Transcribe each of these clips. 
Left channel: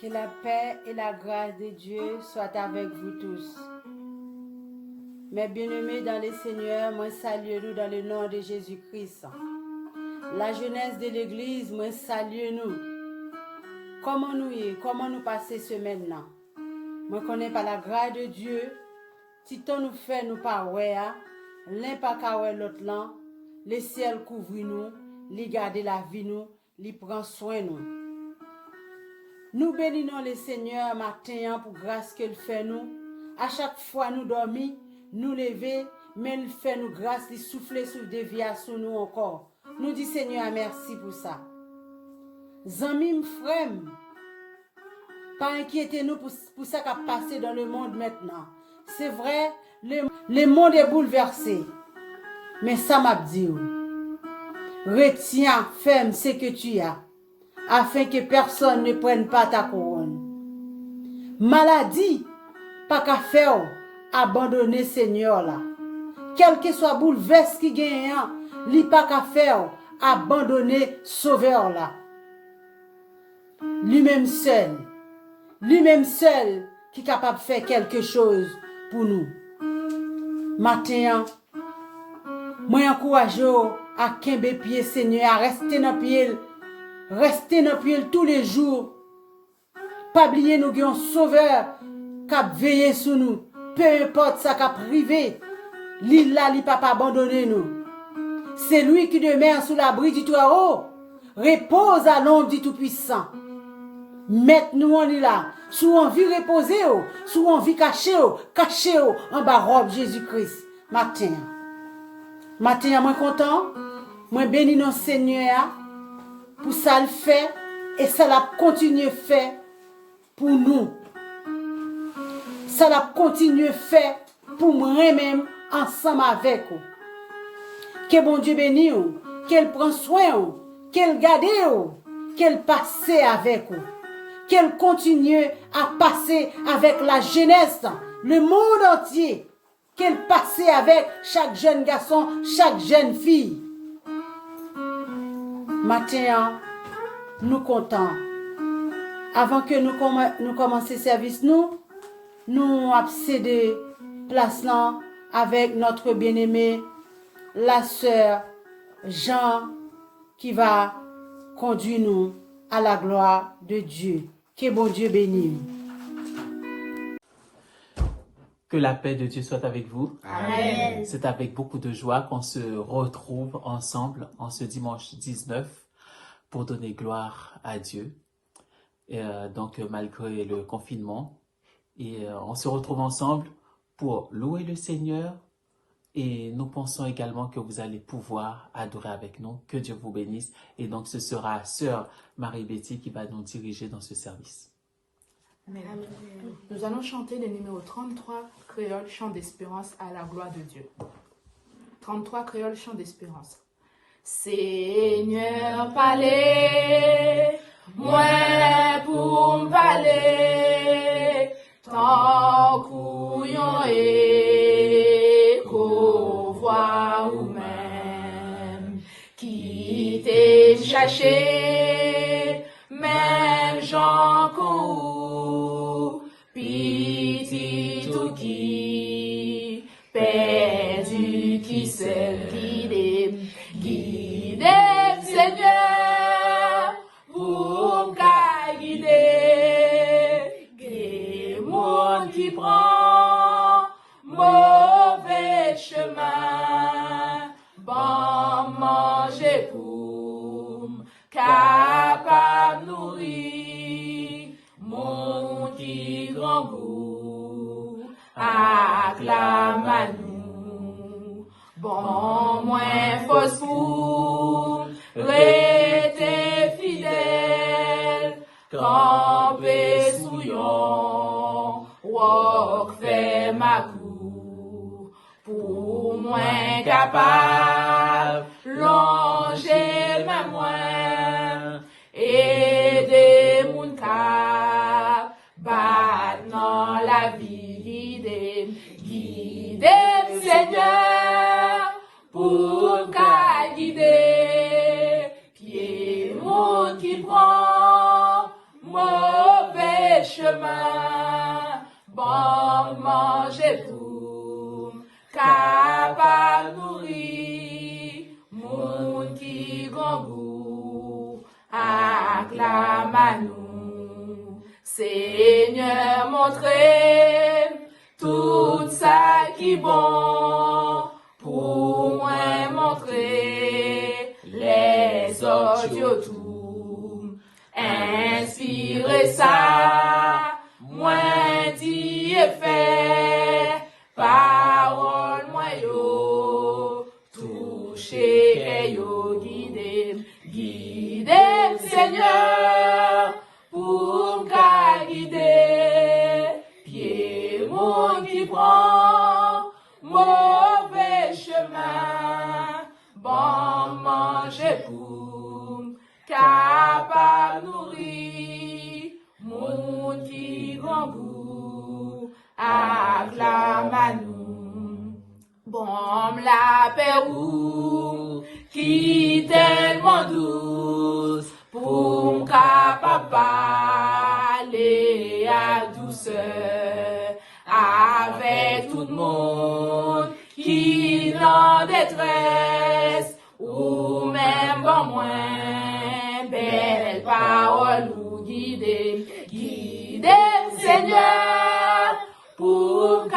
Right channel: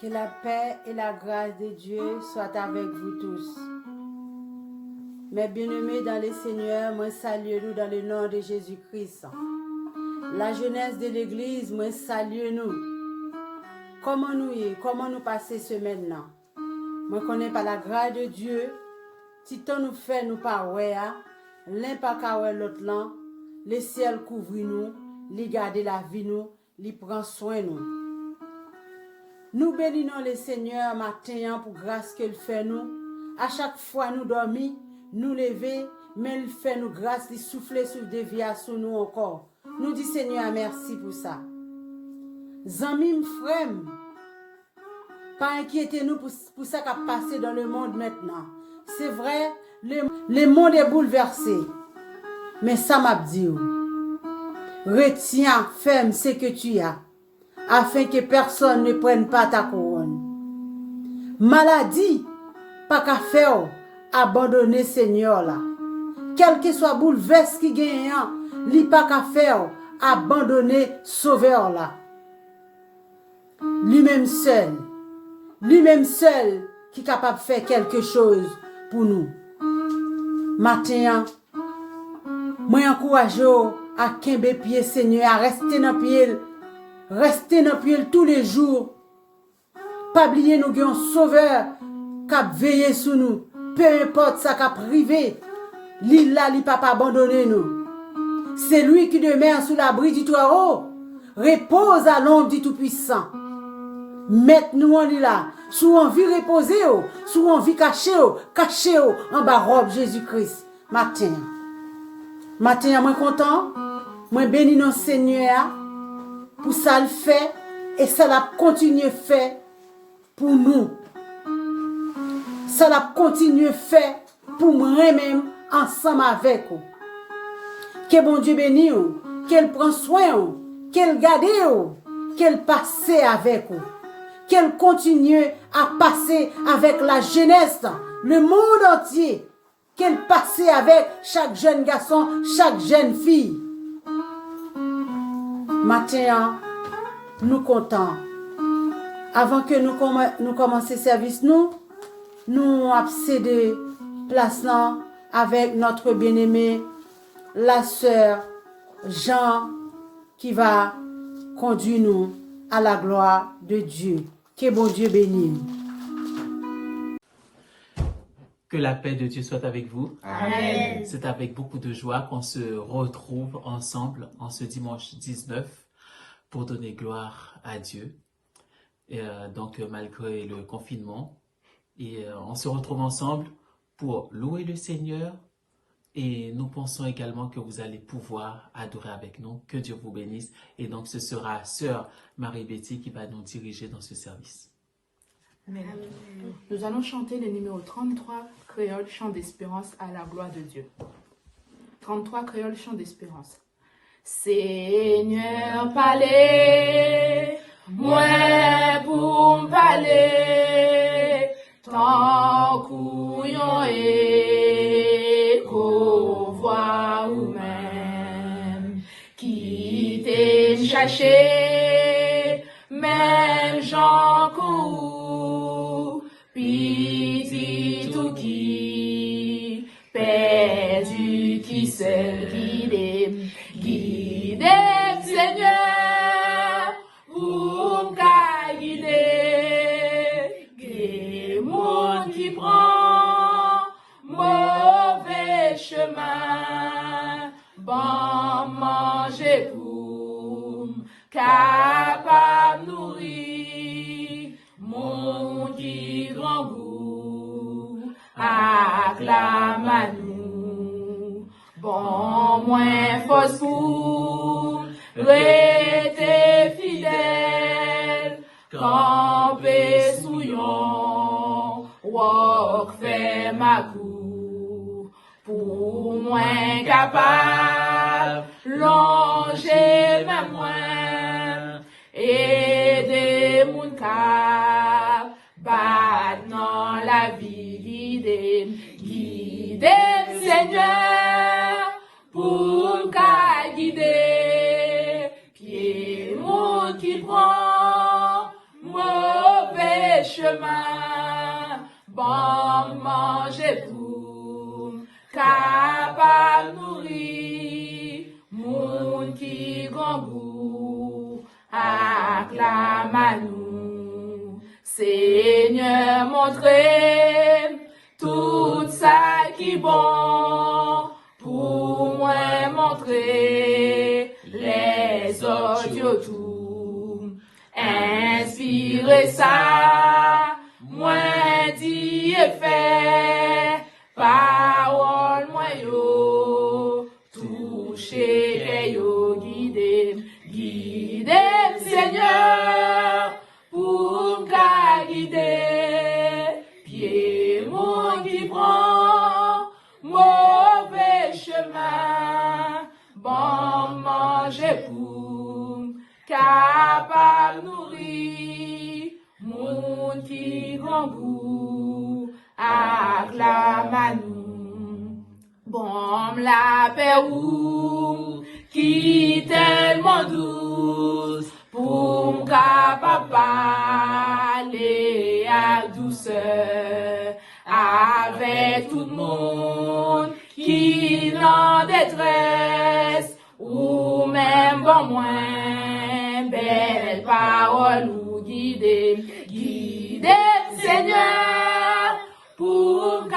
Que la paix et la grâce de Dieu soient avec vous tous. Mes bien-aimés dans le Seigneur, moi salue nous dans le nom de Jésus-Christ. La jeunesse de l'Église, moi salue nous. Comment nous y est, comment nous passer semaine là? Moi connais par la grâce de Dieu, si tant nous fait nous pas ouais, l'un pas qu'à ouais l'autre là, le ciel couvre nous, li garde la vie nous, li prend soin nous. Nous bénissons le Seigneur matin pour grâce qu'il fait nous. À chaque fois nous dormons, nous lever, mais il fait nous grâce, il souffle sur des vies sur nous encore. Nous disons Seigneur merci pour ça. Zanmim frem, pas inquiétez-nous pour ça qui a passé dans le monde maintenant. C'est vrai, le monde est bouleversé. Mais ça m'a dit, retiens ferme ce que tu as, afin que personne ne prenne pas ta couronne. Maladie, pas qu'à faire, abandonner Seigneur là. Quel que soit bouleverse qui gagne, li pas qu'à faire, abandonner Sauveur là. Lui-même seul qui est capable de faire quelque chose pour nous. Matin, moi encourage à kembe pied Seigneur, à rester dans pied tous les jours. Pas oublier nous avons un Sauveur qui a veillé sur nous. Peu importe ça qui a privé, l'île là, il pas abandonner nous. C'est lui qui demeure sous l'abri du toit haut, repose à l'ombre du Tout-Puissant. Mettez-nous en là, sous envie reposer, sous envie cacher en bas robe Jésus-Christ. Matin, moi content, moi béni non Seigneur pour ça le fait et ça l'a continué fait pour nous. Ça l'a continué fait pour moi-même ensemble avec vous. Que bon Dieu bénisse, qu'elle prend soin, qu'elle garde, qu'elle passe avec vous. Qu'elle continue à passer avec la jeunesse, le monde entier. Qu'elle passe avec chaque jeune garçon, chaque jeune fille. Matin, nous comptons. Avant que nous commencions le service, nous accédons place là avec notre bien-aimé, la sœur Jean, qui va conduire nous à la gloire de Dieu. Que bon Dieu bénisse. Que la paix de Dieu soit avec vous. Amen. C'est avec beaucoup de joie qu'on se retrouve ensemble en ce dimanche 19 pour donner gloire à Dieu. Donc malgré le confinement, on se retrouve ensemble pour louer le Seigneur et nous pensons également que vous allez pouvoir adorer avec nous. Que Dieu vous bénisse. Et donc ce sera Sœur Marie-Betty qui va nous diriger dans ce service. Amen. Amen. Nous allons chanter le numéro 33, Créole, chant d'espérance à la gloire de Dieu. 33, Créole, chant d'espérance. Seigneur, parlez, moi pour me parler, tant couillon et qu'au voix ou même, qui t'es cherché, même Jean Cou, petit tout qui, perdu qui seul guide, Seigneur, vous me guidez, guidez monde qui prend mauvais chemin, bon manger pour capable nourrir mon qui grand goût, acclame à nous, bon moins force pour rester fidèle, camper souillon, wok fait ma cour, pour moins capable, longer ma moins, aider mon cap, battre dans la vie, guider, Seigneur, pour qu'à guider, qui est mon qui prend mauvais chemin, bon manger pour, capable nourrir, moun qui grand goût, acclame à nous. Seigneur, montrez tout ça qui bon, pour moi montrer les autres tout. Inspirez ça, moi dit et fait, parole moi yo, toucher que yo guider Seigneur, pour guider, pied mon qui prend, mauvais chemin, bon manger pour, capable nourrir, mon qui grand goût, acclame à nous. Bon la paix ou, qui tellement douce, pour m'capable parler à douceur, avec tout le monde, qui n'en détresse, ou même bon moins, belle parole ou guider Seigneur, pour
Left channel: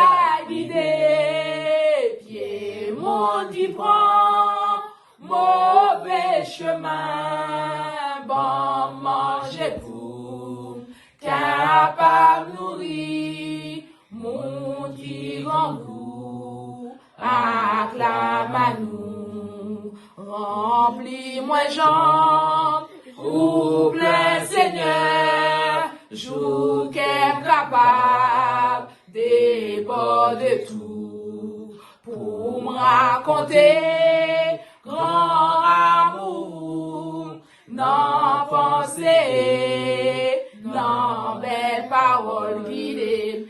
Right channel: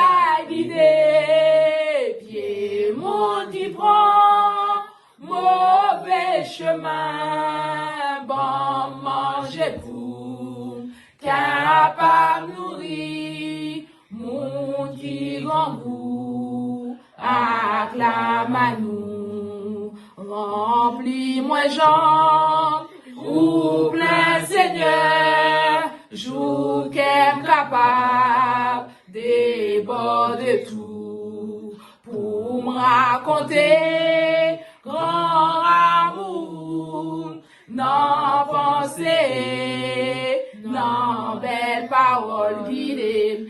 guider, pied mon qui prend, mauvais chemin, bon manger pour, capable nourrir, mon qui grand goût, acclame à nous. Remplis-moi jambes, ou plein Seigneur, jour qu'aime capable, déborder tout, pour me raconter, grand amour, non pensée, non belle parole, guider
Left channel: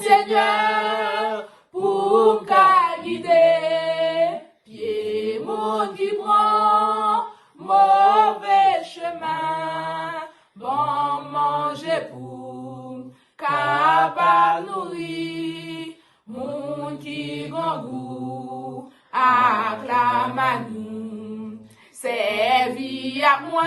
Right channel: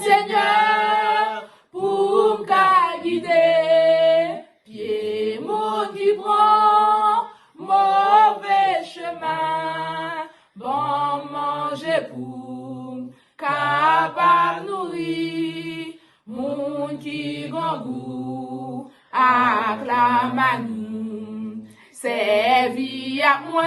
Seigneur, pour me guider, pied mon qui prend, mauvais chemin, bon manger pour, capable nourrir, mon qui grand goût, acclame à nous. Servis à moi,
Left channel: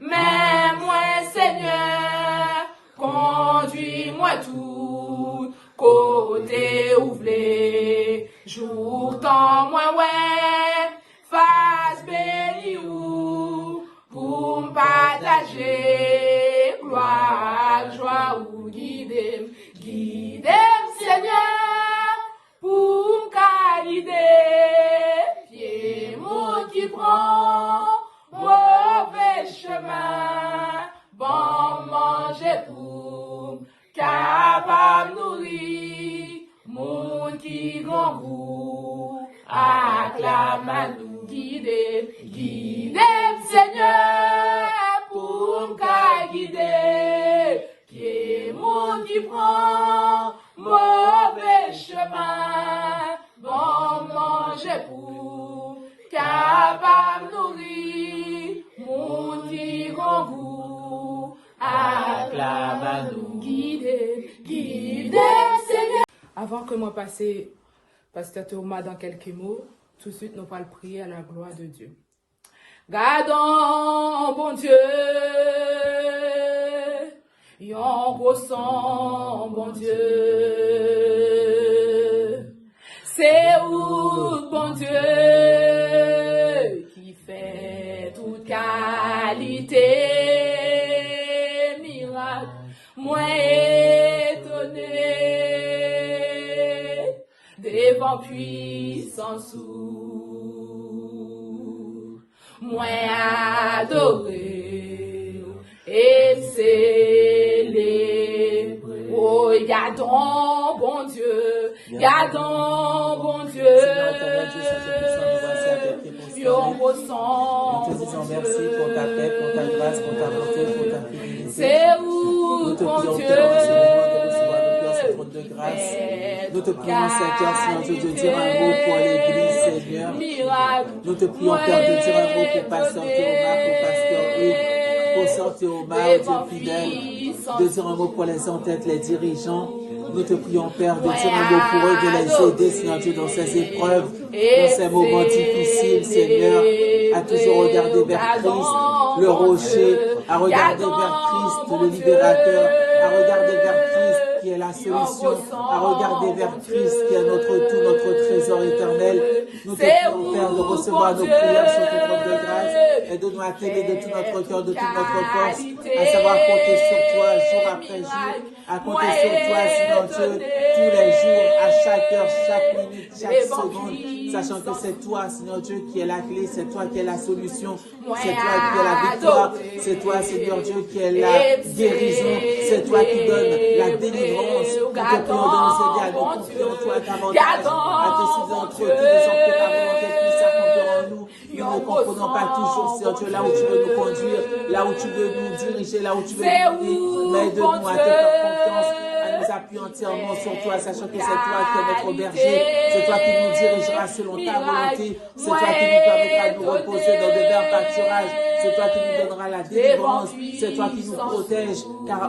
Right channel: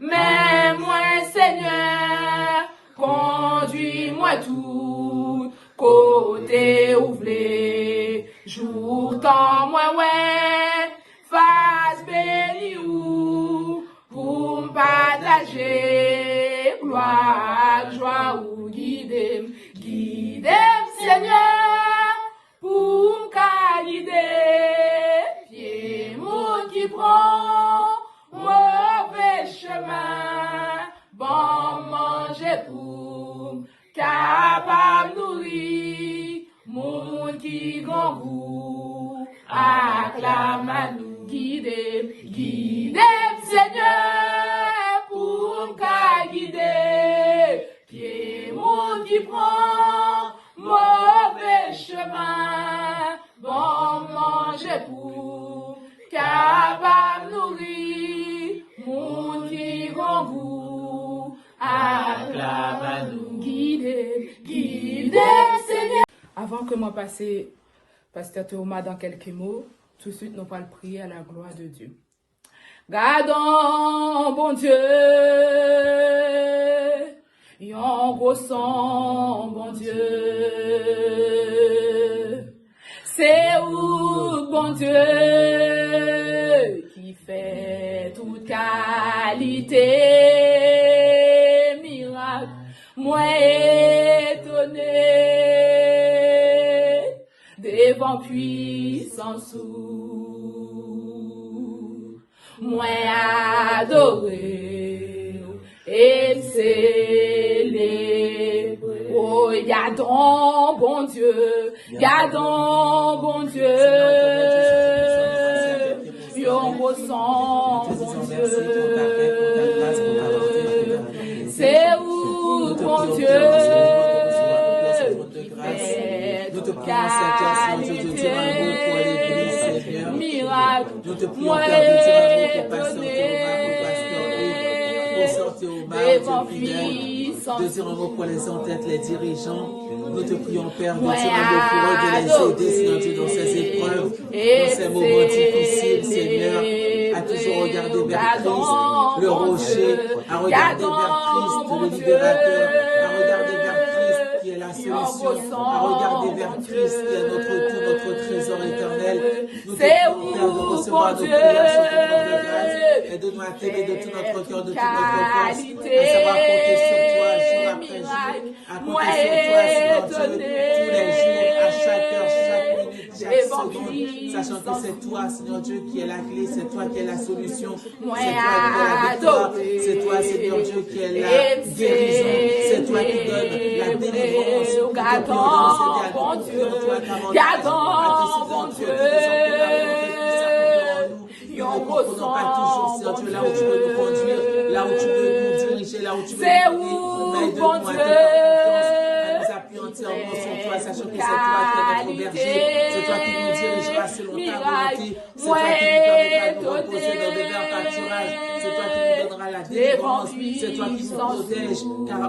mais moi Seigneur, conduis-moi tout, côté ouvré, jour temps moi ouais, face béni ou, pour me partager, gloire, joie ou guider Seigneur, pour me guider, pied mon qui prend, mauvais chemin, bon manger pour, capable nourrir, mon qui grand goût, acclame à nous guider Seigneur, pour me guider, pied mon qui prend, mauvais chemin, bon manger pour, capable nourrir, mon qui grand goût, acclame à nous guider Seigneur. Avant que moi passe Pasteur Thomas dans quelques mots, tout de suite nous allons prier à la gloire de Dieu. Gardons, bon Dieu, yon ressent, bon Dieu, c'est où, bon Dieu, qui fait toute qualité, miracle, moi étonné, devant puissance moi adoré et scellé. Oh, gardons, bon Dieu, gardons, bon Dieu, yon ressent, bon Dieu, c'est où, bon Dieu, nous te prions, Seigneur, de dire un mot pour l'église, Seigneur. Miracle, Nous te prions, Père, de dire un mot pour Pasteur Thomas, pour Pasteur Ruth. pour sortir au mal, Dieu fidèle, de dire un mot pour les entêtes, les dirigeants. Nous te prions, Père, de dire un mot pour eux, de les aider, Seigneur Dieu, dans ces épreuves, dans ces moments difficiles, Seigneur, à toujours regarder vers Christ, le rocher, à regarder vers Christ, le libérateur, à regarder vers Christ, qui est la solution, à regarder vers Christ, qui est notre trésor éternel. Nous te prions, Père, de recevoir nos prières sur ton trône de grâce et de nous atteindre de tout notre cœur, de toute notre force, à savoir compter sur toi jour après jour, à compter sur toi, Seigneur Dieu, tous les jours, à chaque heure, chaque minute, chaque seconde, sachant que c'est toi, Seigneur Dieu, qui est la clé, c'est toi qui es la solution, c'est toi qui es la victoire, c'est toi, Seigneur Dieu, qui est la guérison, c'est toi qui donne la délivrance, nous te prions de nous aider à découvrir toi davantage, à décider entre qui nous en tes puisses s'accomplir en nous. Nous ne comprenons pas toujours, Seigneur Dieu, là où tu veux nous conduire, là où tu veux nous diriger, là où tu veux nous guider, mais aide-nous à te faire confiance, à nous appuyer entièrement sur toi, sachant que c'est toi qui es notre berger, c'est toi qui nous dirigeras selon ta volonté, c'est toi qui nous permettra de nous reposer dans de verts pâturages, c'est toi qui nous donnera la délivrance, c'est toi qui nous protège, car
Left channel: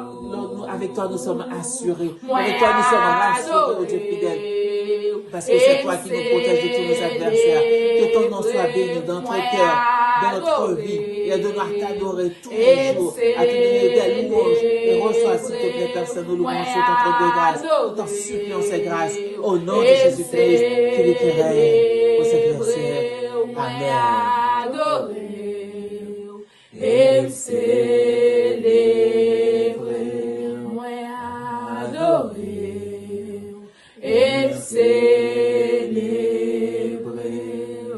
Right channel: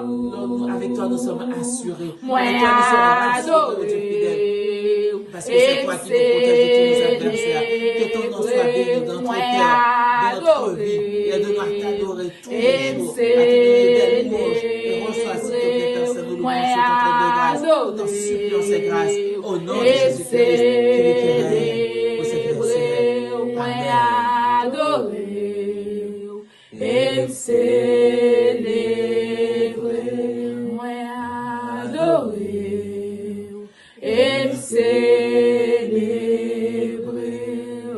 avec toi nous sommes assurés, avec toi nous sommes rassurés, oh Dieu fidèle, parce que c'est toi qui nous protège de tous nos adversaires. Que ton nom soit béni dans notre cœur, dans notre vie, et de nous t'adorer tous les jours, à te donner des louanges, et reçois s'il te plaît, Père, nos louanges sur ton trône de grâce, tout en suppliant ces grâces, au nom de Jésus-Christ, qui l'éternel, pour cette verset. Amen. Et célébrer, moi adorer, et célébrer.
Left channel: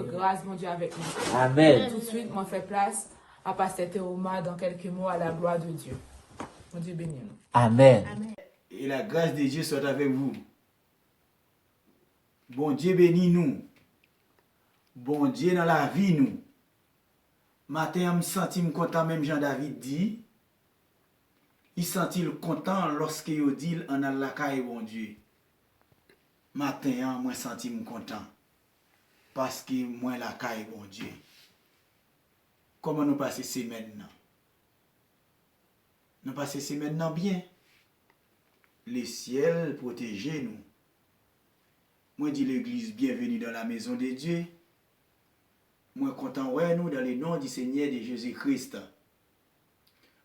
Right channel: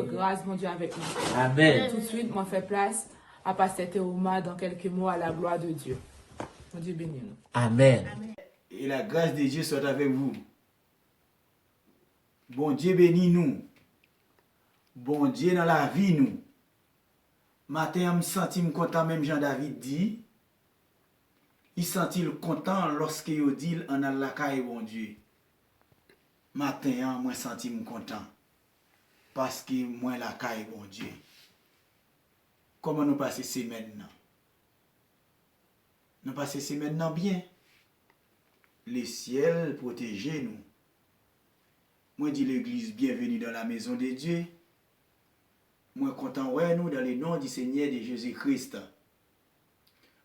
Grâce, mon Dieu, avec nous. Amen. Tout de suite, moi, fais place à Pasteur Théoma dans quelques mots à la gloire de Dieu. Mon Dieu bénit nous. Amen. Et la grâce de Dieu soit avec vous. Bon Dieu bénit nous. Bon Dieu dans la vie nous. Matin, je me sens content, même Jean-David dit. Il sentit content lorsque il dit en Allah caille bon Dieu. Matin, moi senti content. Parce que moi la caille bon Dieu. Comment nous passer semaine? Nous passer semaine bien. Le ciel protégez nous. Moi dis l'église bienvenue dans la maison de Dieu. Moi content ouais nous dans le nom du Seigneur de Jésus-Christ.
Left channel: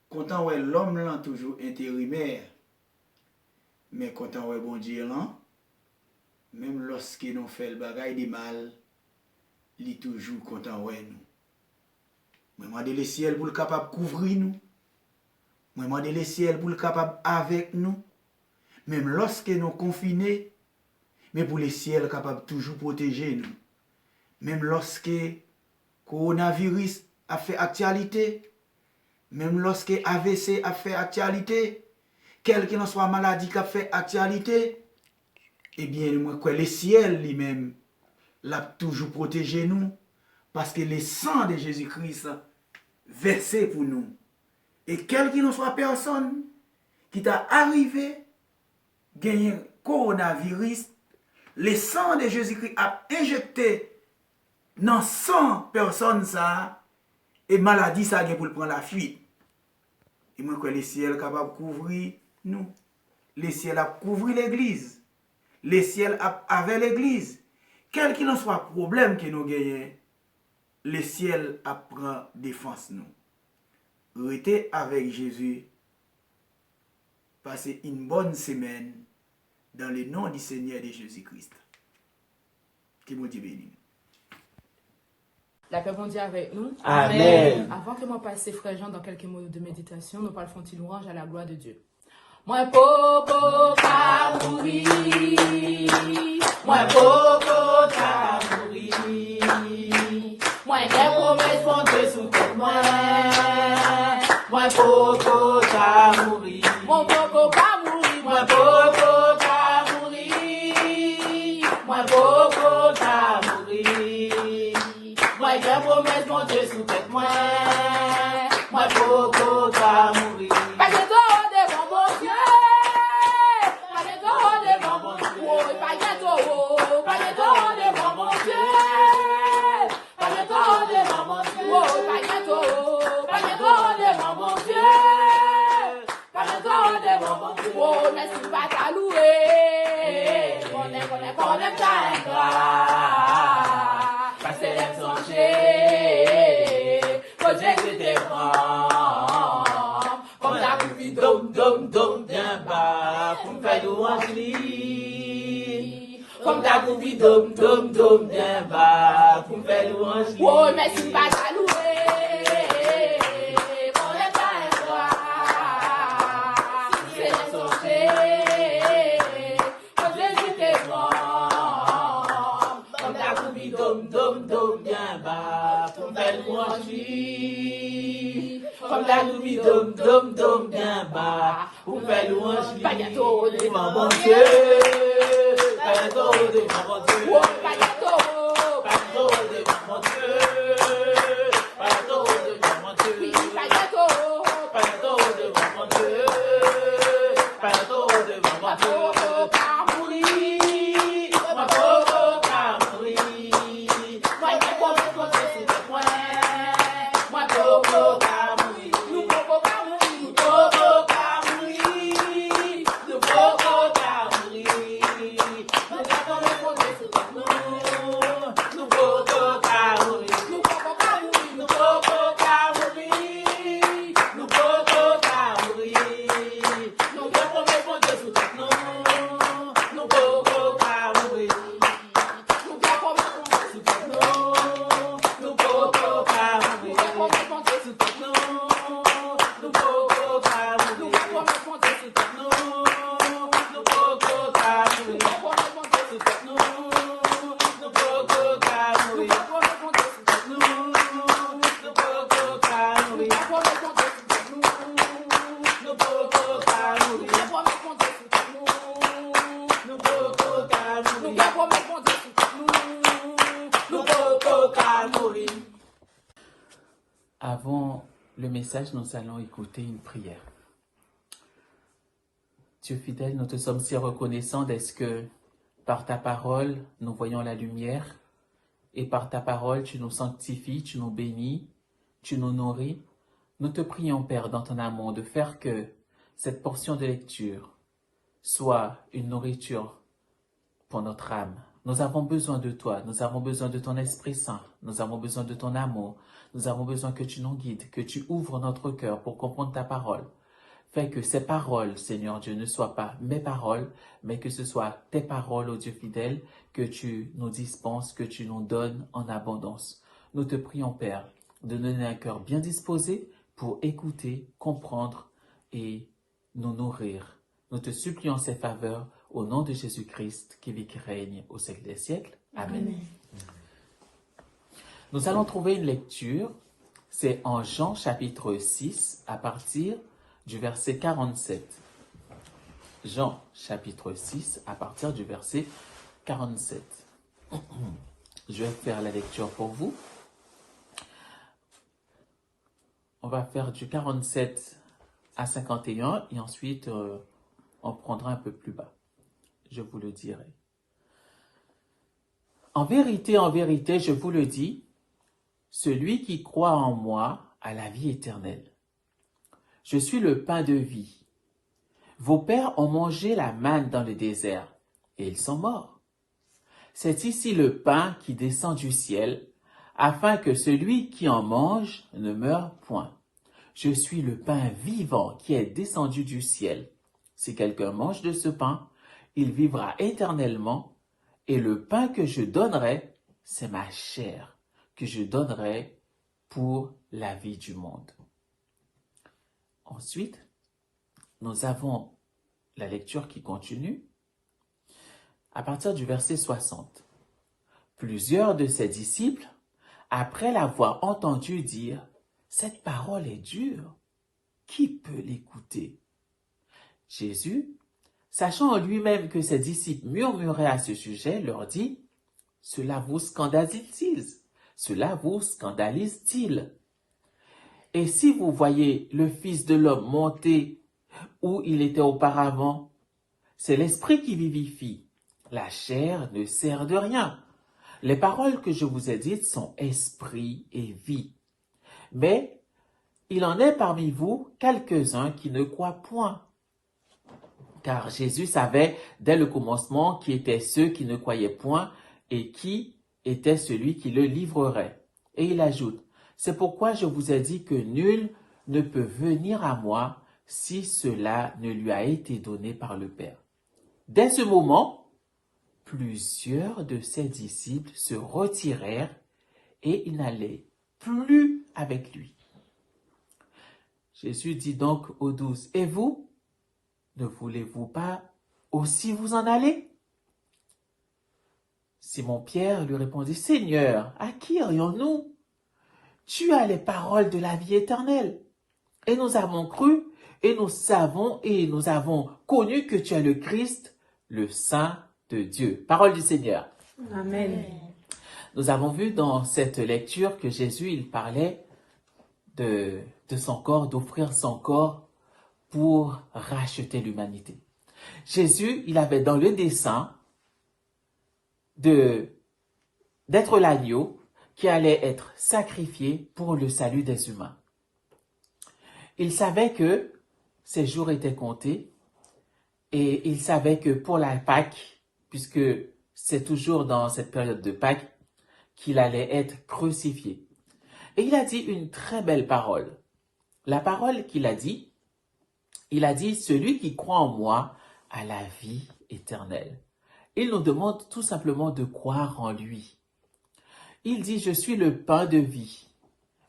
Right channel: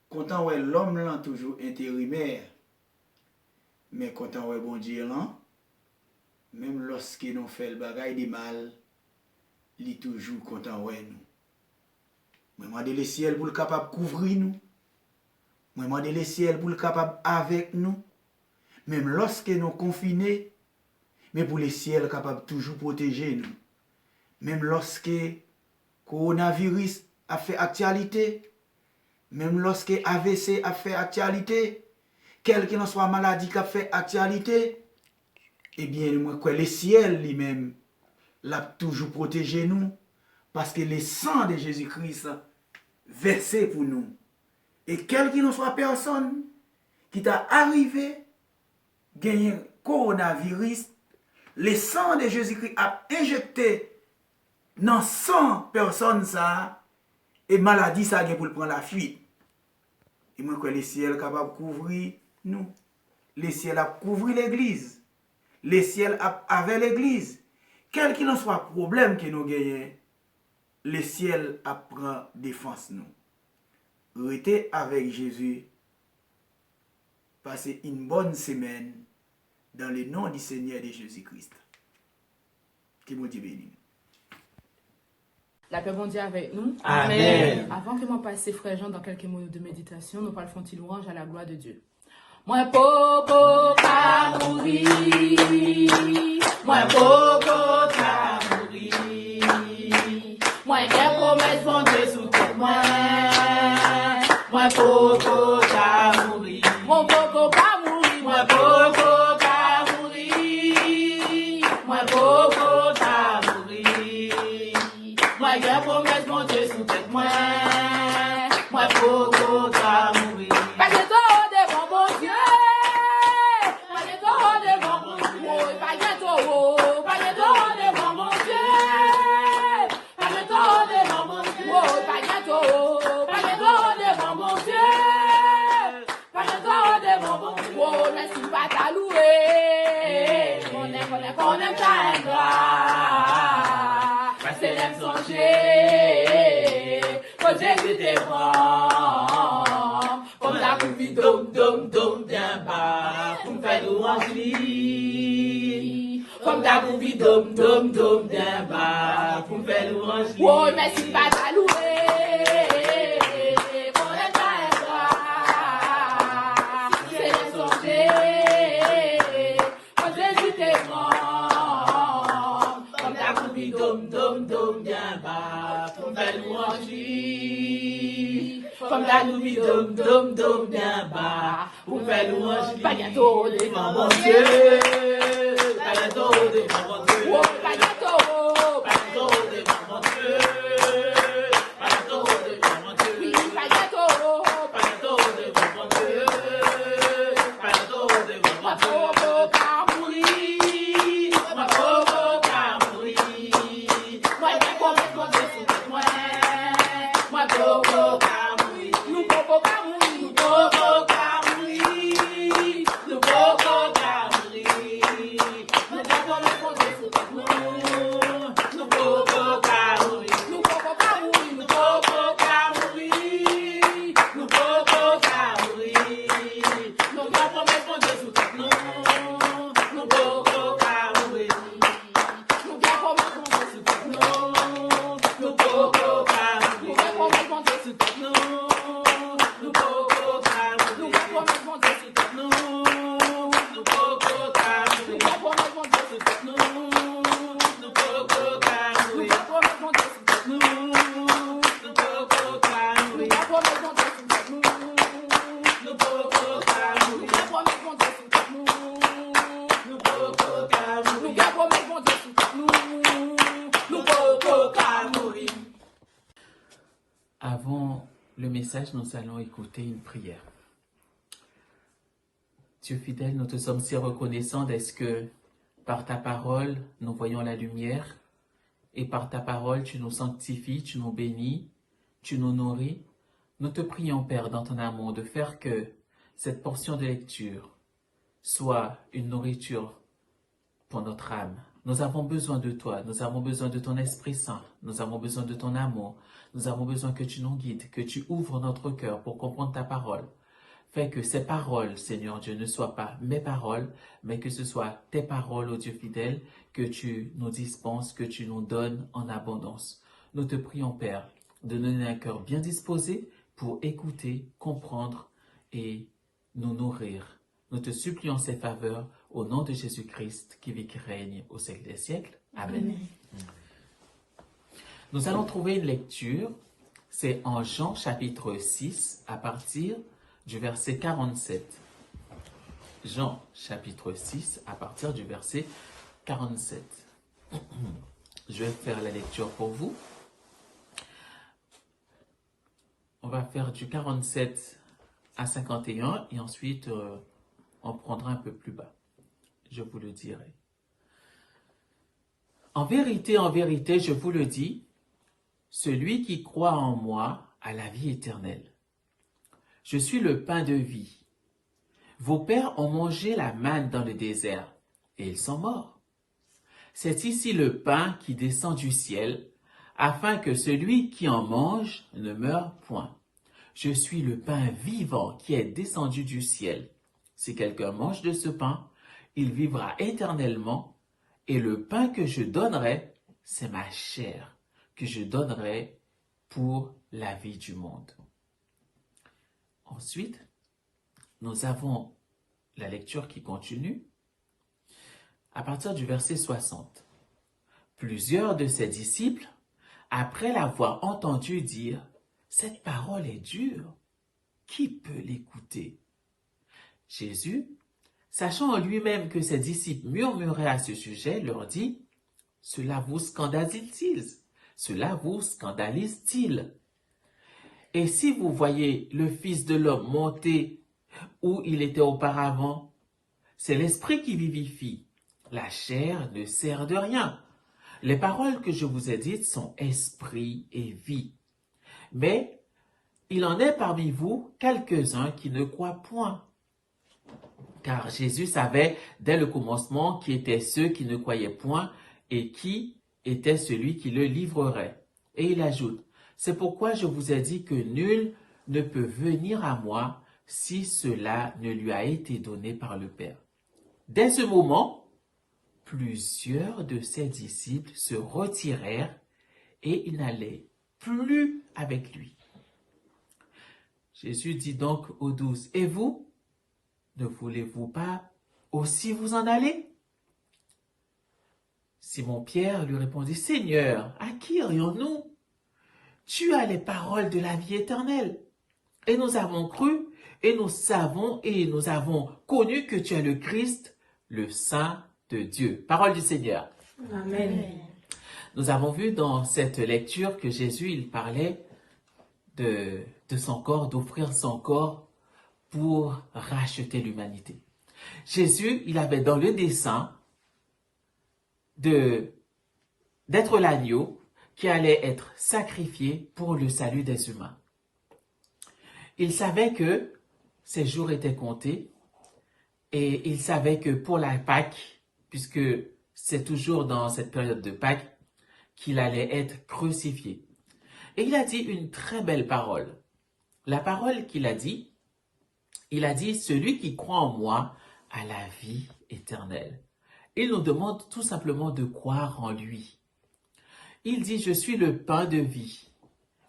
Content ouais l'homme là toujours intérimaire. Mais content ouais bon Dieu là. Même lorsque nous fait le bagage de mal, il est toujours content ouais nous. Moi demande le ciel pour le capable couvrir nous. Moi demande le ciel pour le capable avec nous. Même lorsque nous confinés, mais pour le ciel capable toujours protéger nous. Même lorsque coronavirus a fait actualité, même lorsque AVC a fait actualité, quelle que soit maladie qui a fait actualité, eh bien, moi, le ciel lui-même l'a toujours protégé nous, parce que le sang de Jésus-Christ versé pour nous. Et quelle que soit personne qui t'a arrivé, gagné coronavirus, le sang de Jésus-Christ a injecté dans 100 personnes ça, et maladie ça pour prendre la fuite. Et moi, le ciel est capable de couvrir nous. Le ciel a couvert l'église. Le ciel avec l'église. Quel qu'il en soit problème que nous gagnons, le ciel prend défense nous. Restez avec Jésus. Passez une bonne semaine dans le nom du Seigneur de Jésus-Christ. Que mon Dieu bénisse. La paix bon Dieu avec nous. Amen. Avant que moi passe frère Jean dans quelques mots de méditation, nous parlons de louange à la gloire de Dieu. Moi popo kabouri, moi popo kabouri, moi j'ai promesse bon Dieu sous tête moi popo kabouri, mon popo kabouri, moi popo kabouri, moi popo kabouri, moi j'ai promesse bon Dieu sous tête moi popo kabouri. Pas de Oh, merci pas ta louer. On aime ta ingrat. C'est l'aime songer. Quand Jésus t'es grand. Comme la poupie dom bien bas. Pour faire louange. Comme ta poupie dom bien bas. Pour faire louange. Oh, merci pas ta louer. On aime ta ingrat. C'est l'aime songer. Quand Jésus t'es grand. Comme ta poupie dom bien bas. Pour faire louange. Comme la louis dom bien bas. Pour faire louange. Pagato de mon Dieu. Pagato de mon Dieu. Oh, pagato. Pagato de mon Dieu. Pagato de mon Dieu. Oui, pagato. Pagato de mon Dieu. Pagato de mon Dieu. Pas mourir. Moi, pas mourir. Moi, j'ai compris mon Dieu. Moi, nous pouvons pas mourir, nous pouvons pas mourir, nous pouvons pas mourir. Nous devons répondre sur nous, nous pouvons pas mourir, nous pouvons pas mourir, nous pouvons pas mourir, nous pouvons pas mourir. Nous devons répondre sur nous, nous pouvons pas mourir, nous devons répondre sur nous, nous pouvons pas mourir. Avant le message, nous allons écouter une prière. Dieu fidèle, nous te sommes si reconnaissants d'être que par ta parole, nous voyons la lumière et par ta parole, tu nous sanctifies, tu nous bénis, tu nous nourris. Nous te prions, Père, dans ton amour, de faire que cette portion de lecture soit une nourriture pour notre âme. Nous avons besoin de toi, nous avons besoin de ton Esprit Saint, nous avons besoin de ton amour, nous avons besoin que tu nous guides, que tu ouvres notre cœur pour comprendre ta parole. Fais que ces paroles, Seigneur Dieu, ne soient pas mes paroles, mais que ce soit tes paroles, ô Dieu fidèle, que tu nous dispenses, que tu nous donnes en abondance. Nous te prions, Père, de nous donner un cœur bien disposé pour écouter, comprendre et nous nourrir. Nous te supplions ces faveurs au nom de Jésus-Christ qui vit, qui règne au siècle des siècles. Amen. Nous allons trouver une lecture, c'est en Jean chapitre 6 à partir du verset 47. Jean chapitre 6 à partir du verset 47. Je vais faire la lecture pour vous. On va faire du 47 à 51 et ensuite on prendra un peu plus bas. Je vous le dirai. En vérité, je vous le dis, celui qui croit en moi a la vie éternelle. Je suis le pain de vie. Vos pères ont mangé la manne dans le désert et ils sont morts. C'est ici le pain qui descend du ciel, afin que celui qui en mange ne meure point. Je suis le pain vivant qui est descendu du ciel. Si quelqu'un mange de ce pain, il vivra éternellement, et le pain que je donnerai, c'est ma chair, que je donnerai pour la vie du monde. Ensuite, nous avons la lecture qui continue à partir du verset 60. Plusieurs de ses disciples, après l'avoir entendu dire « Cette parole est dure, qui peut l'écouter ?» Jésus, sachant en lui-même que ses disciples murmuraient à ce sujet, leur dit « Cela vous scandalise-t-il? Cela vous scandalise-t-il? Et si vous voyez le Fils de l'homme monter où il était auparavant, c'est l'esprit qui vivifie. La chair ne sert de rien. Les paroles que je vous ai dites sont esprit et vie. Mais il en est parmi vous quelques-uns qui ne croient point. car Jésus savait dès le commencement qui étaient ceux qui ne croyaient point et qui était celui qui le livrerait. Et il ajoute, « C'est pourquoi je vous ai dit que nul ne peut venir à moi si cela ne lui a été donné par le Père. » Dès ce moment, plusieurs de ses disciples se retirèrent et ils n'allaient plus avec lui. Jésus dit donc aux 12, « Et vous, ne voulez-vous pas aussi vous en aller ?» Simon-Pierre lui répondit, « Seigneur, à qui irions-nous? Tu as les paroles de la vie éternelle. Et nous avons cru, et nous avons connu que tu es le Christ, le Saint de Dieu. » Parole du Seigneur. Amen. Nous avons vu dans cette lecture que Jésus, il parlait de son corps, d'offrir son corps pour racheter l'humanité. Jésus, il avait dans le dessein d'être l'agneau qui allait être sacrifié pour le salut des humains. Il savait que ses jours étaient comptés et il savait que pour la Pâque, puisque c'est toujours dans cette période de Pâques, qu'il allait être crucifié. Et il a dit une très belle parole. La parole qu'il a dit, il a dit, « Celui qui croit en moi a la vie éternelle. » Il nous demande tout simplement de croire en lui. Il dit, « Je suis le pain de vie.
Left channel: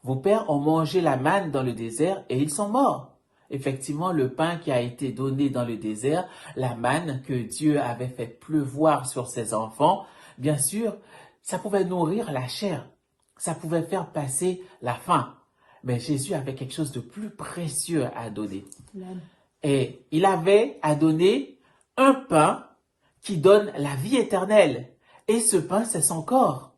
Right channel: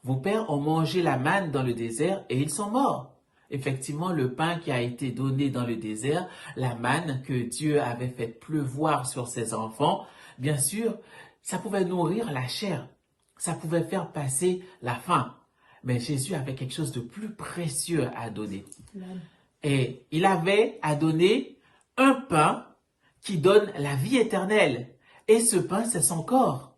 Vos pères ont mangé la manne dans le désert et ils sont morts. » Effectivement, le pain qui a été donné dans le désert, la manne que Dieu avait fait pleuvoir sur ses enfants, bien sûr, ça pouvait nourrir la chair. Ça pouvait faire passer la faim. Mais Jésus avait quelque chose de plus précieux à donner. Et il avait à donner un pain qui donne la vie éternelle. Et ce pain, c'est son corps.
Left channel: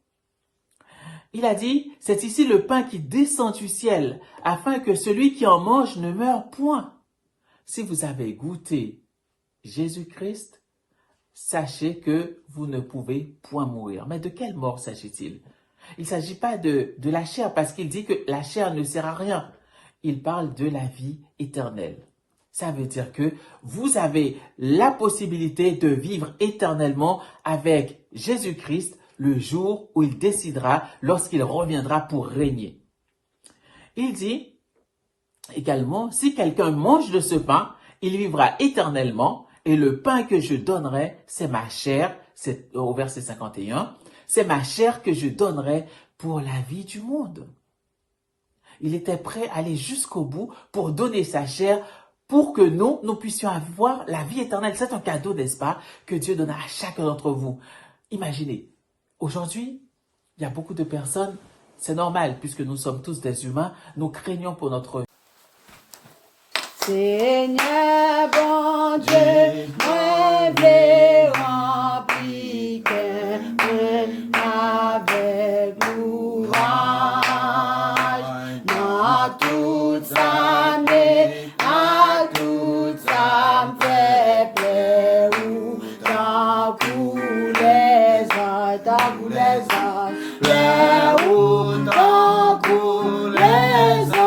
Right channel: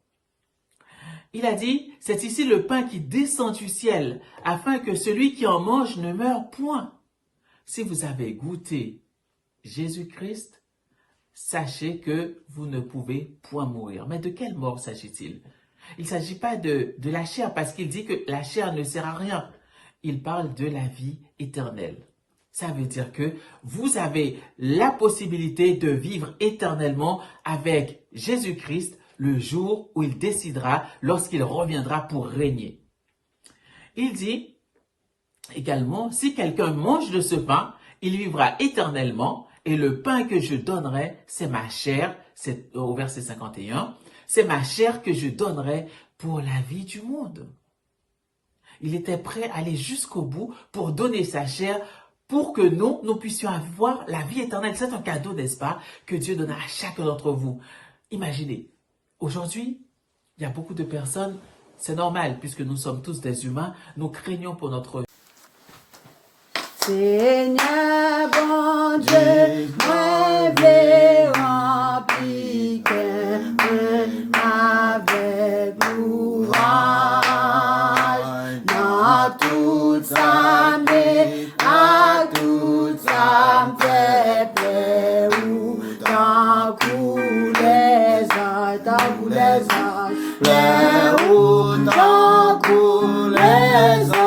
Il a dit, c'est ici le pain qui descend du ciel, afin que celui qui en mange ne meure point. Si vous avez goûté Jésus-Christ, sachez que vous ne pouvez point mourir. Mais de quelle mort s'agit-il? Il ne s'agit pas de la chair, parce qu'il dit que la chair ne sert à rien. Il parle de la vie éternelle. Ça veut dire que vous avez la possibilité de vivre éternellement avec Jésus-Christ le jour où il décidera, lorsqu'il reviendra pour régner. Il dit également, si quelqu'un mange de ce pain, il vivra éternellement, et le pain que je donnerai, c'est ma chair, c'est au verset 51, c'est ma chair que je donnerai pour la vie du monde. Il était prêt à aller jusqu'au bout pour donner sa chair pour que nous puissions avoir la vie éternelle. C'est un cadeau, n'est-ce pas, que Dieu donne à chacun d'entre vous. Imaginez, aujourd'hui, il y a beaucoup de personnes, c'est normal, puisque nous sommes tous des humains, nous craignons pour notre vie. Seigneur bon Dieu, moi vais remplir avec courage dans toute sa main, à toute sa fait plaît ou dans tous les anges, plaît ou dans tous les anges.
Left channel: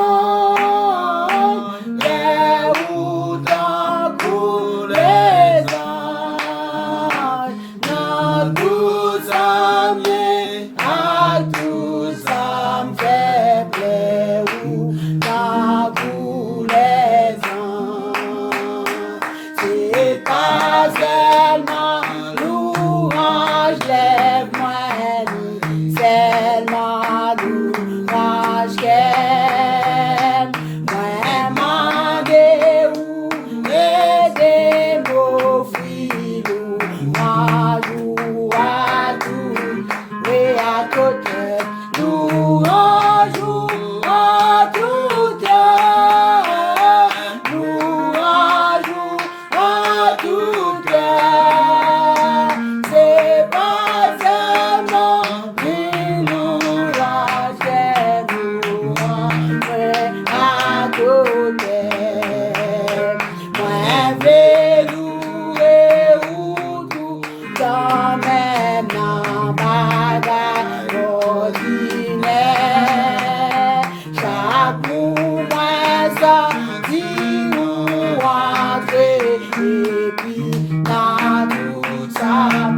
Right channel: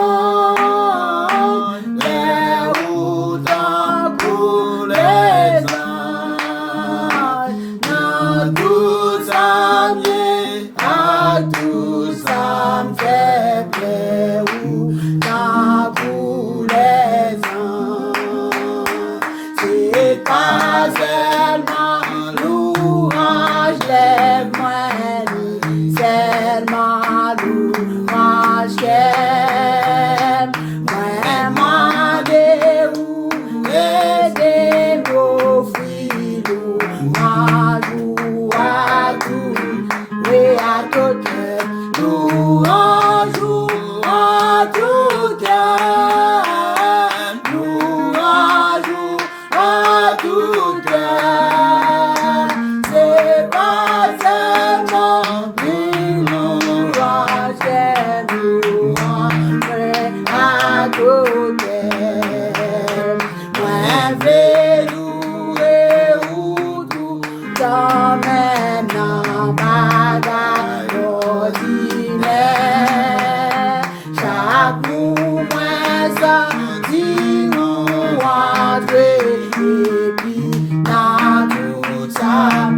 Et puis, dans tout ça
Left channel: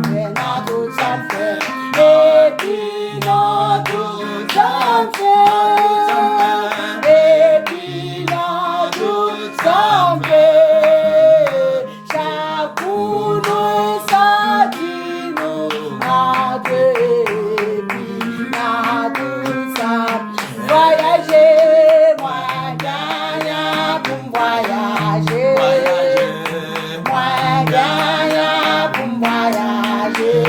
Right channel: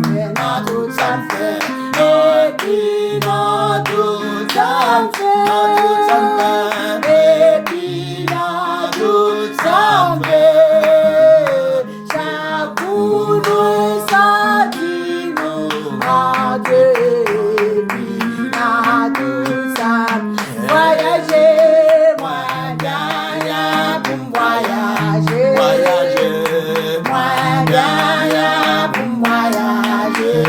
fait, dans tout ça fait. Et puis, dans tout ça fait. Et puis, dans tout ça fait. Chaque jour, nous sortis, nous adieu. Et puis, dans tout ça, voyager, moi, gagne pour voyager. Moi, gagne pour voyager.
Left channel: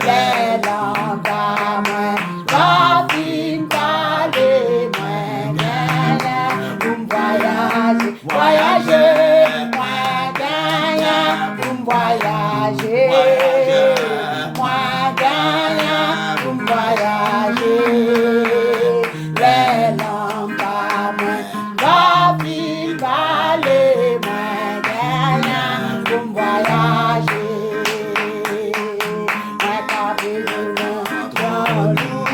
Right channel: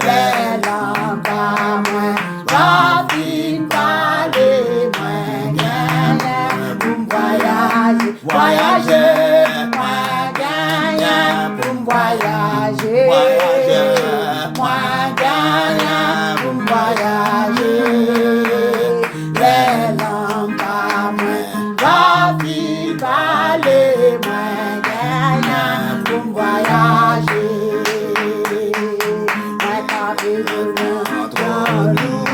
Les lampes à moi, rapide parler, moi, gagne pour voyager. Voyager, moi, gagne pour voyager. Moi, gagne pour voyager. Les lampes à moi, rapide parler, moi, gagne pour voyager. Moi, capé de notre loup,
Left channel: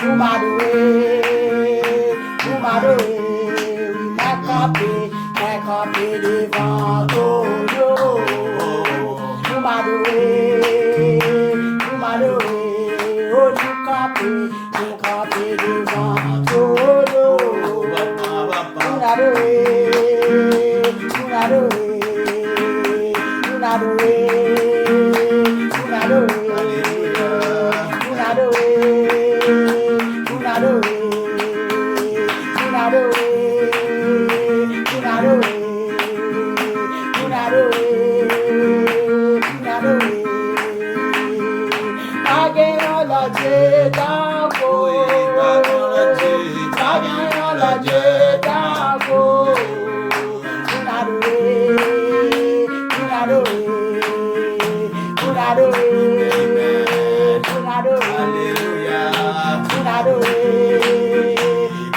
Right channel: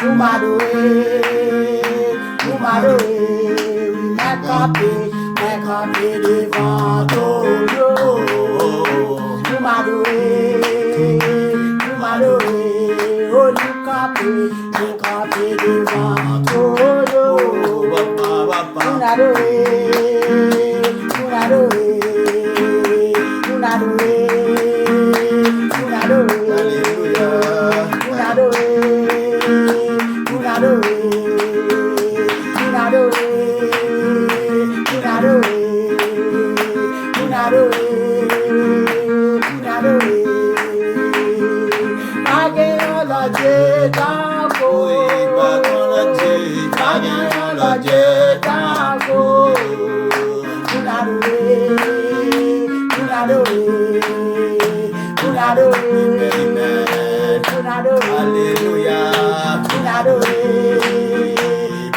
vous m'adorez, vous m'adorez. Oui, moi, capé devant tout. Vous m'adorez, vous m'adorez. Oh, nous capé devant tout. Vous m'adorez, vous m'adorez, vous m'adorez, vous m'adorez, vous m'adorez, vous m'adorez, vous m'adorez, vous m'adorez, vous m'adorez. Pagayon la Dieu d'Ango, pagayon la Dieu d'Ango. Vous l'adorez, vous l'adorez, vous l'adorez, vous l'adorez, alléluia, vous l'adorez,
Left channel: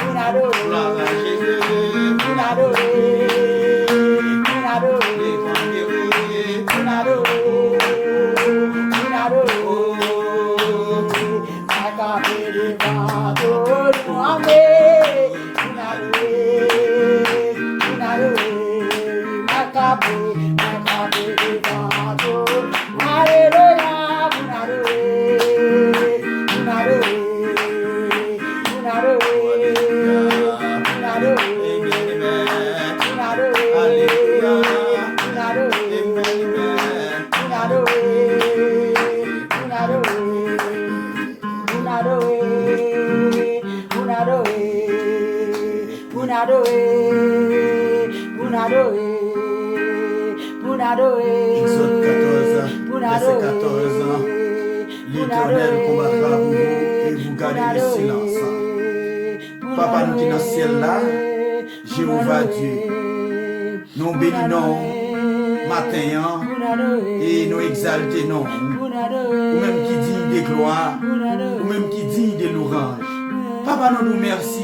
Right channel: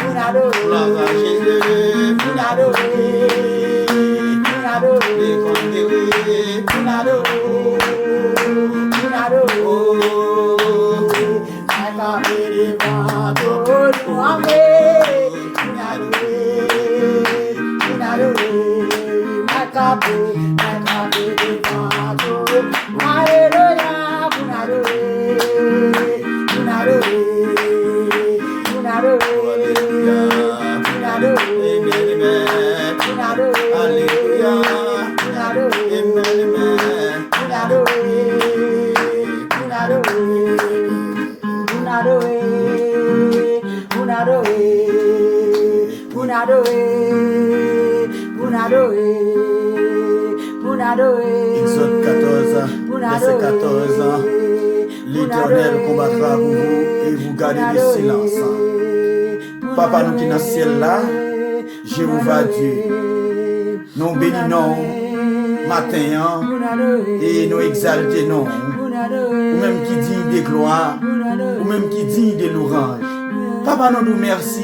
vous l'adorez, vous l'adorez, vous l'adorez, vous l'adorez. Exode 14, verset 14. L'Éternel combattra pour vous et vous gardez le silence. Papa, nous qui dans le ciel là, Jéhovah Dieu, nous bénissons matin et nous exaltons, ou même qui dit de gloire, ou même qui dit de louange. Papa, nous merci.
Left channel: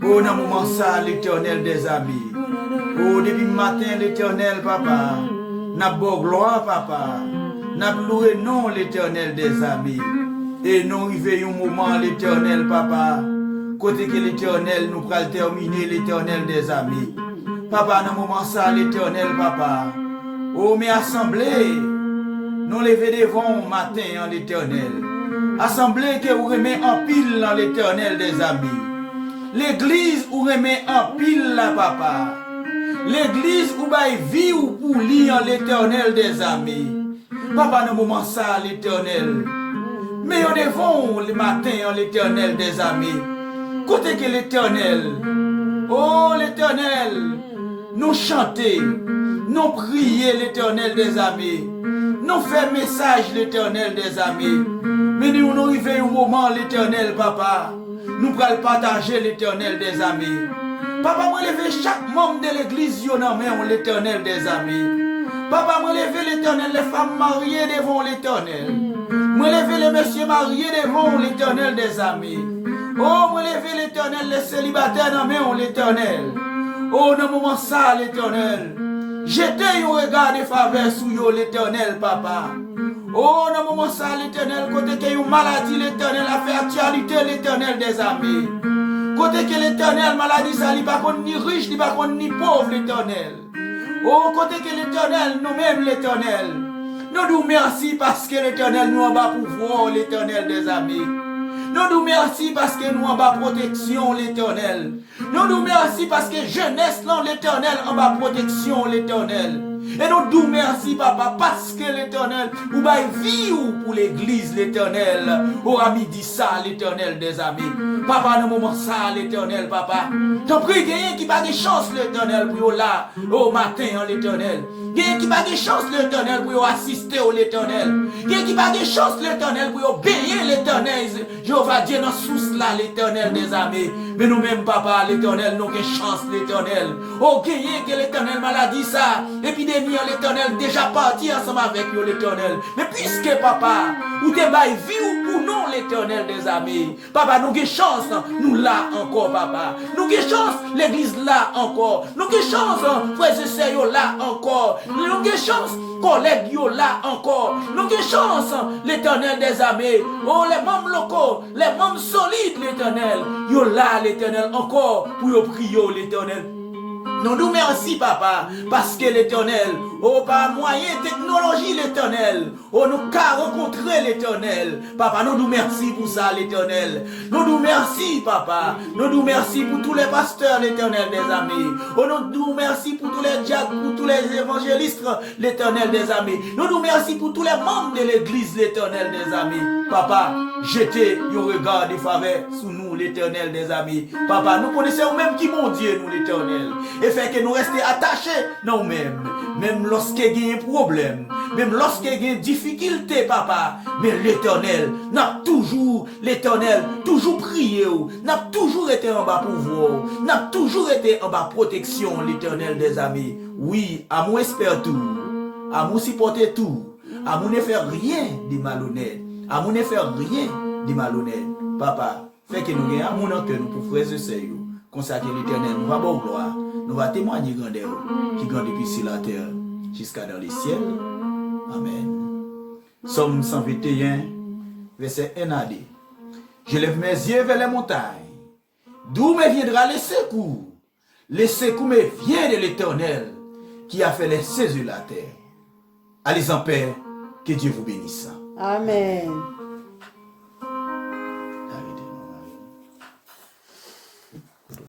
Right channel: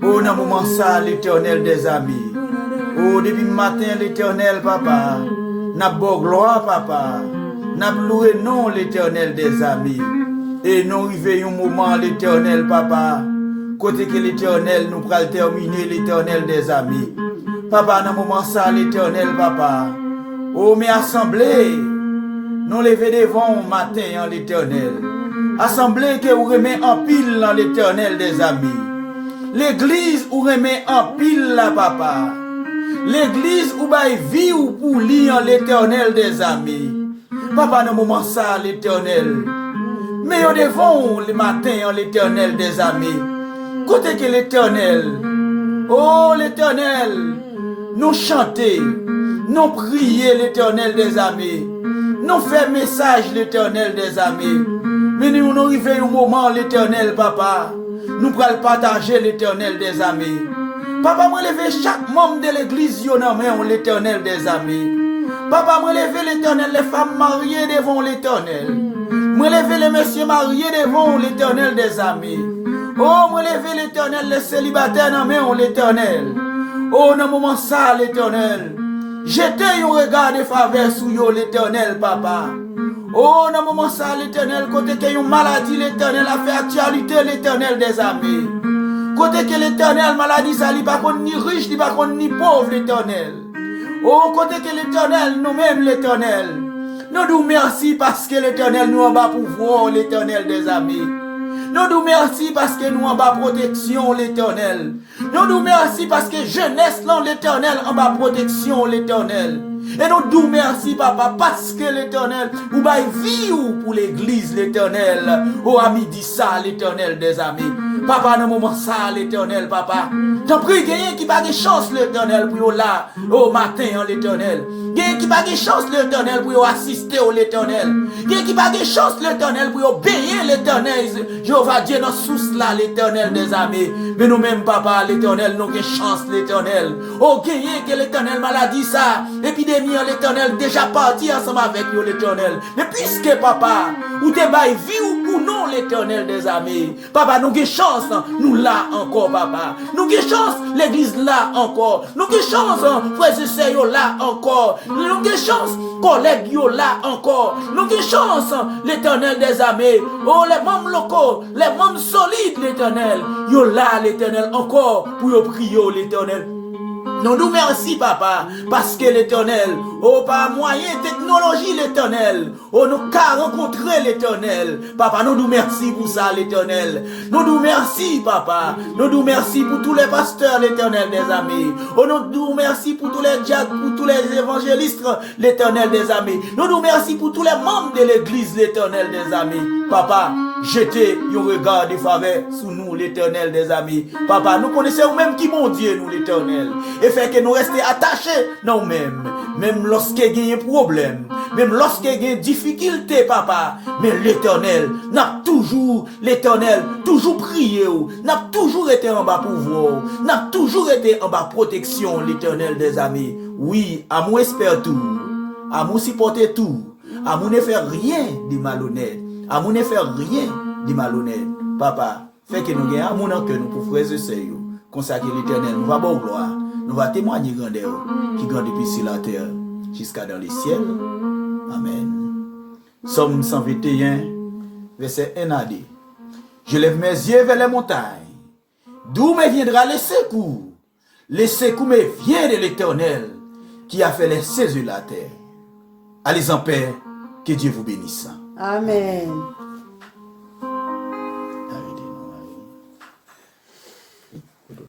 Oh, dans le moment ça, l'Éternel des amis. Oh, depuis le matin, l'Éternel, papa, n'a beau gloire, papa, n'a loué non l'Éternel des amis. Et nous arrivons un moment, l'Éternel, papa, côté que l'Éternel nous pourra terminer, l'Éternel des amis. Papa, dans le moment ça, l'Éternel, papa, oh, mais assemblée, nous lever devant matin, l'Éternel. Assemblée que vous remet en pile, l'Éternel des amis. L'église où remet en pile, la papa. L'église où baille vie ou pour lire l'Éternel des amis. Papa, dans le moment ça, l'Éternel. Mais au devant le matin, l'Éternel des amis. Côté que l'Éternel. Oh, l'Éternel. Nous chanter. Nous prier l'Éternel des amis. Nous faire message l'Éternel des amis. Mais nous arrivons au moment, l'Éternel, papa. Nous pourrons partager l'Éternel des amis. Papa, moi lever chaque membre de l'église, l'Éternel des amis. Papa, moi lever l'Éternel, les femmes mariées devant l'Éternel. Moi lever les messieurs mariés devant l'Éternel des amis. Oh, moi lever l'Éternel, les célibataires dans l'Éternel. Oh, dans le moment ça, l'Éternel. Jetez un regard de faveur sur l'Éternel, papa. Oh, dans le moment ça, l'Éternel, côté qu'il y a une maladie, l'Éternel a fait actualité, l'Éternel des amis. Côté que l'Éternel, maladie, ça n'est pas ni riche, ni pas ni pauvre, l'Éternel. Oh, côté que l'Éternel, nous-mêmes l'Éternel. Nous nous merci parce que l'Éternel nous en bas pouvoir, l'Éternel des amis. Nous nous merci parce que nous en bas protection, l'Éternel. Nous nous merci parce que jeunesse, l'Éternel en bas protection, l'Éternel. Et nous nous merci, papa, parce que l'Éternel, vous baille vie pour l'église, l'Éternel. Oh, ami, dit ça, l'Éternel des amis. Papa, dans le moment ça, l'Éternel, papa. T'en prie, gagne qui pas de chance, l'Éternel, pour là, au matin, l'Éternel. Gagne qui pas de chance, l'Éternel, pour assister au l'Éternel. Gagne qui pas de chance, l'Éternel, pour obéir l'Éternel. Jéhovah Dieu, dans sous là, l'Éternel des amis. Mais nous-mêmes, papa, l'Éternel, nous avons chance, l'Éternel. Oh, gagne que l'Éternel maladie ça. Épidémie, l'Éternel déjà parti ensemble avec nous, l'Éternel. Mais puisque, papa, ou te baille vie ou pour nous, l'Éternel des amis. Papa, nous avons chance. Nous là encore, papa. Nous avons chance, l'église là encore. Nous avons chance, frères et sœurs là encore. Nous avons chance, collègues là encore. Nous avons chance, l'Éternel des amis. Oh, les membres locaux, les membres solides, l'Éternel. Yo là, l'Éternel encore, pour yo prier, l'Éternel. Nous nous merci, papa, parce que l'Éternel, oh, par moyen technologie, l'Éternel, oh, nous qu'à rencontrer l'Éternel. Papa, nous nous merci pour ça, l'Éternel. Nous nous merci, papa. Nous nous merci pour tous les pasteurs, l'Éternel des amis. Oh, nous nous merci pour tous les diacres, pour tous les évangélistes, l'Éternel des amis. Nous nous merci pour tous les membres de l'Église, l'Éternel des amis. Papa, jetez un regard de faveur sur nous, l'Éternel des amis. Papa, nous connaissons même qui mon Dieu, nous, l'Éternel. Et fait que nous restions attachés nous-mêmes. Même lorsqu'il y a un problème, même lorsqu'il y a une difficulté, papa. Mais l'Éternel n'a toujours, l'Éternel, toujours prié, n'a toujours été en bas pouvoir, n'a toujours été en bas protection, l'Éternel des amis. Oui, à moi espère tout, à moi supporter tout, à moi ne faire rien de malhonnête, à moi ne faire rien de malhonnête. Papa, fait que nous gagnons amour dans que nous pour frères et sœurs, consacrer l'Éternel, nous va bon gloire. Nous va témoigner grandeur qui grandit depuis sur la terre jusqu'à dans les ciels. Amen. Somme 121, verset 1 à 2. Je lève mes yeux vers les montagnes. D'où me viendra le secours? Le secours me vient de l'Éternel qui a fait les cieux et la terre. Allez en paix, que Dieu vous bénisse. Amen.